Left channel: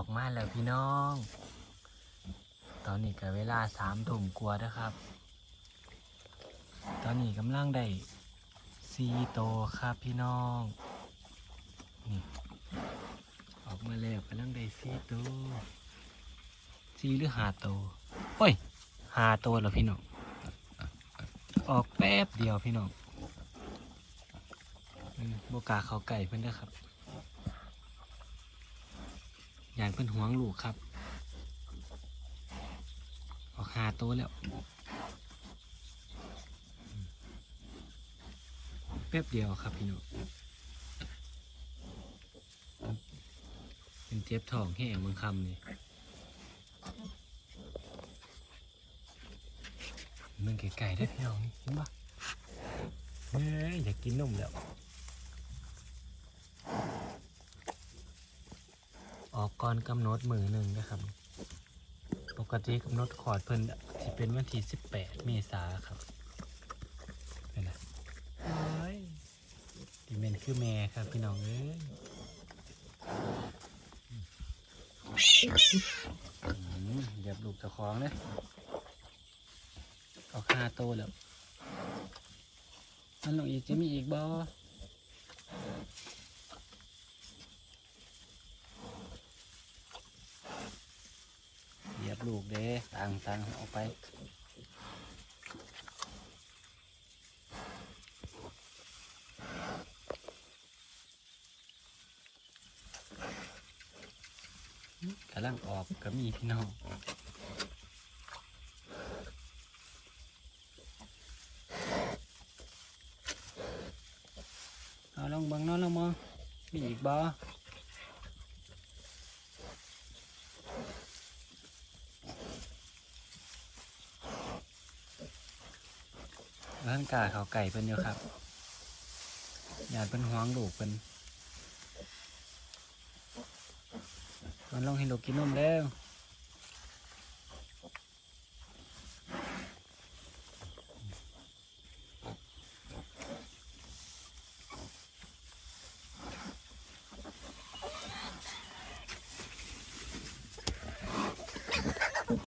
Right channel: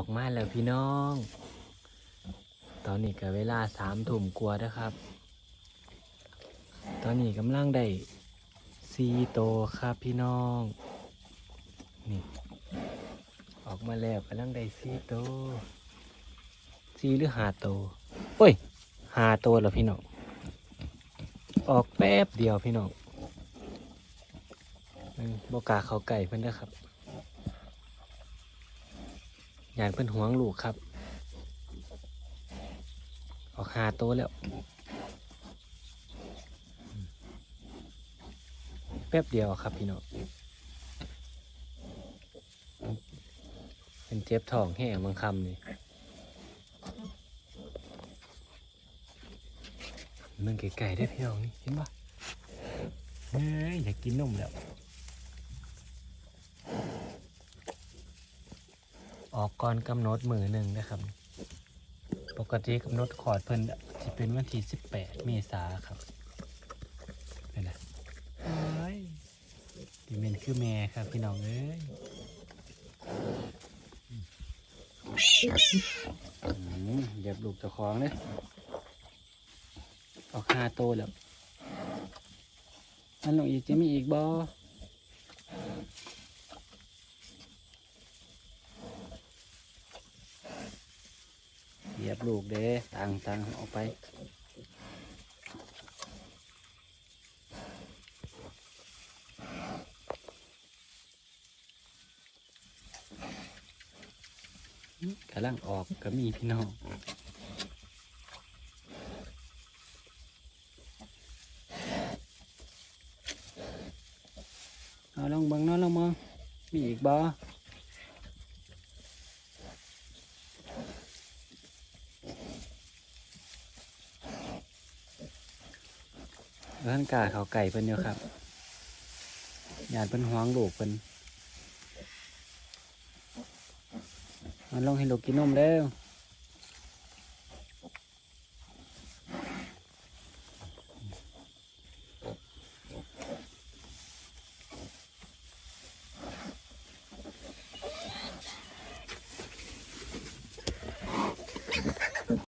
อกมาแล้วพี่น้อง ตอนนี้ก็เวลาสามทุ่มกว่าแล้วครับ ตอนนี้กำลังได้ซีโตครับพี่น้อง นี่ออกมาแล้วกำลังได้ซีโตวซีหรือหาโตเอ้ยหาโตวแล้วพี่น้อง ออกแป๊บเดียวพี่น้องเออโบกาเขาไก่เพิ่อนนะครับ อยากเป็นห่วงลูกครับ ออกหาโตวแล้ว แป๊บเดียวครับพี่น้องเป็นเจ็บทองแห้งบางคำนี่มันไก่ๆได้อพี่น้องนี่เห็นปะเฮ้ยอยากกินนมแล้ว ออ ก่อนกำหนดมือหนึ่งนะครับ ปกติกำหนดขอดเพิ่นจะเป็นวันที่สิบแปดเมษาครับเป็นไงดีเมนคือแม่ครับพี่น้องเอ้ยอืมเดี๋ยวลูกจะของเลยออกหาโตแล้วอันน้องอีกจะมีอีกบ่เหยียบ ลูกเด้ต่างกันเอาไปกำลังออกก็มีพี่น้องเอาลองบังเนาะลองมองมีอีกบ่ ร่างกายเขาไก่เป็นเนาะครับอยากเป็นห้องลูกเป็นมันลองให้ลูกกินนมแล้ว